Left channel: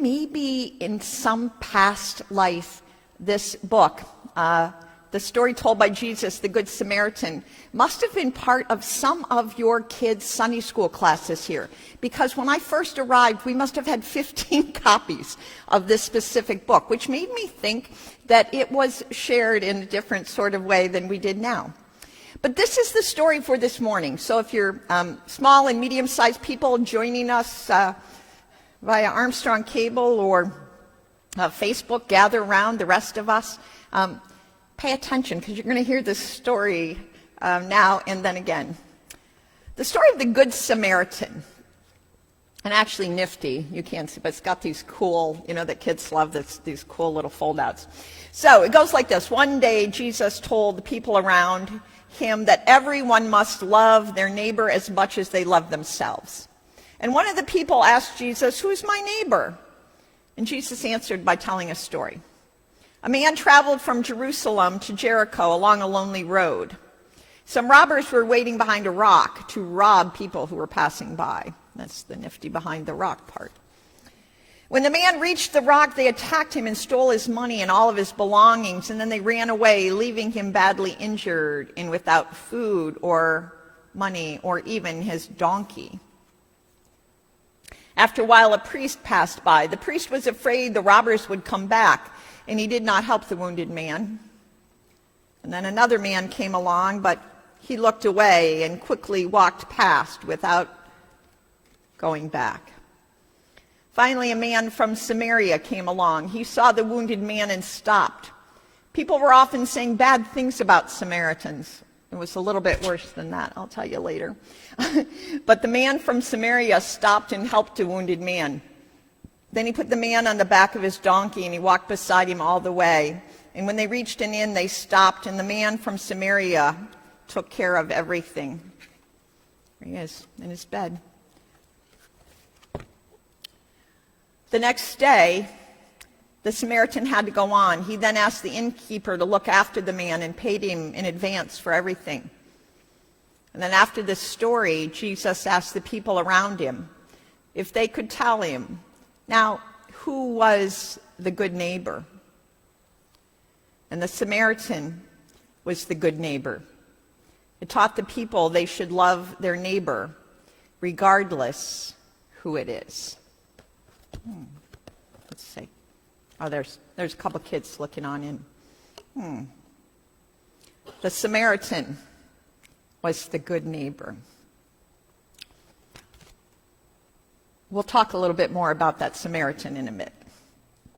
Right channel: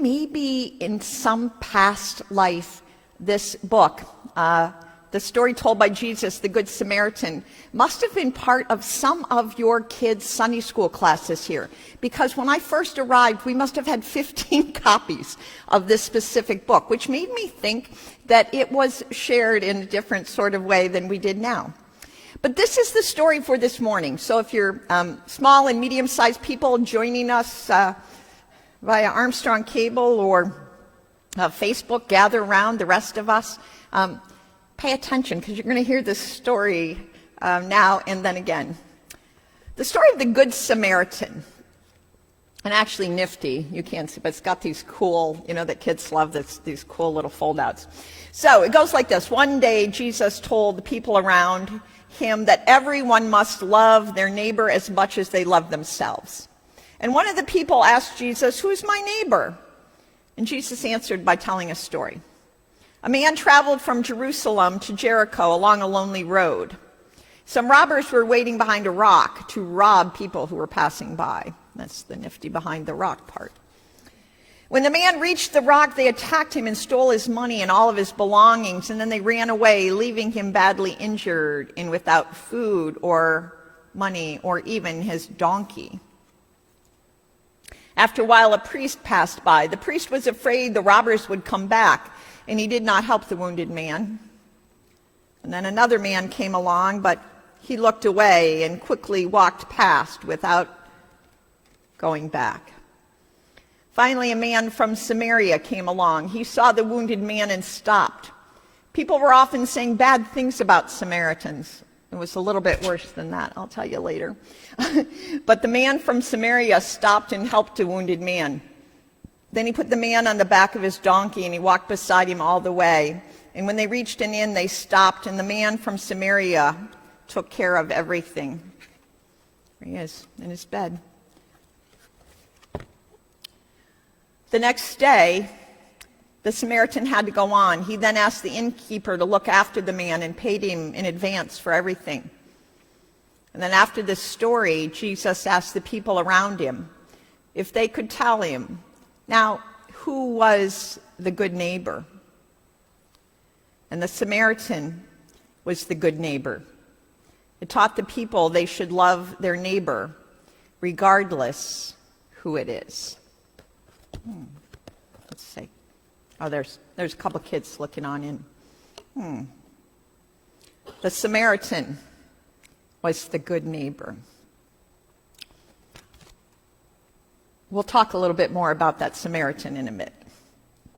maybe in some past life, this book, the story told by Jesus, the Good Samaritan, must have been part of some of your kids' Sunday school classes here. Because when I first arrived, we must have had 15 copies of this specific book, which made me think that it was shared in a different sort of way than we did now. But this is the story for this morning. So if you're small and medium-sized people joining us via Armstrong Cable or Facebook, gather around the rest of us, pay attention, because you're going to hear this story now and then again. The story of the Good Samaritan. And actually nifty, you can't see, but it's got these cool, that kids love these cool little foldouts. So it goes like this. One day Jesus told the people around him that everyone must love their neighbor as much as they love themselves. And one of the people asked Jesus, "Who's my neighbor?" And Jesus answered by telling a story. A man traveled from Jerusalem to Jericho along a lonely road. Some robbers were waiting behind a rock to rob people who were passing by. That's the nifty behind the rock part. When the man reached the rock, they attacked him and stole his money and all of his belongings, and then they ran away, leaving him badly injured and without food or money or even his donkey. After a while, a priest passed by. The priest was afraid the robbers would come back, and he did not help the wounded man. And then another man came along, but he looked away and quickly walked past without going back. Finally, a man from Samaria came along. He saw the wounded man and stopped. People were often saying bad things about Samaritans. It was a little bit worse than that, I'll tell you later. But the man from Samaria stopped and helped the wounded man. Then he put the man on the back of his donkey and he walked beside him all the way. And when they reached an inn, they stopped, and the man from Samaria took care of everything. There he is in his bed. The next day, the Samaritan had to go on. He then asked the innkeeper to look after the man and paid him in advance for everything. And then after this story, Jesus asked the people around him if they could tell him, now, who was the good neighbor? And the Samaritan was the good neighbor. It taught the people they should love their neighbor, regardless who it is. Let's see. Oh, there's a couple kids looking on in. The Samaritan was the good neighbor. We'll talk a little bit more about that Samaritan in a minute.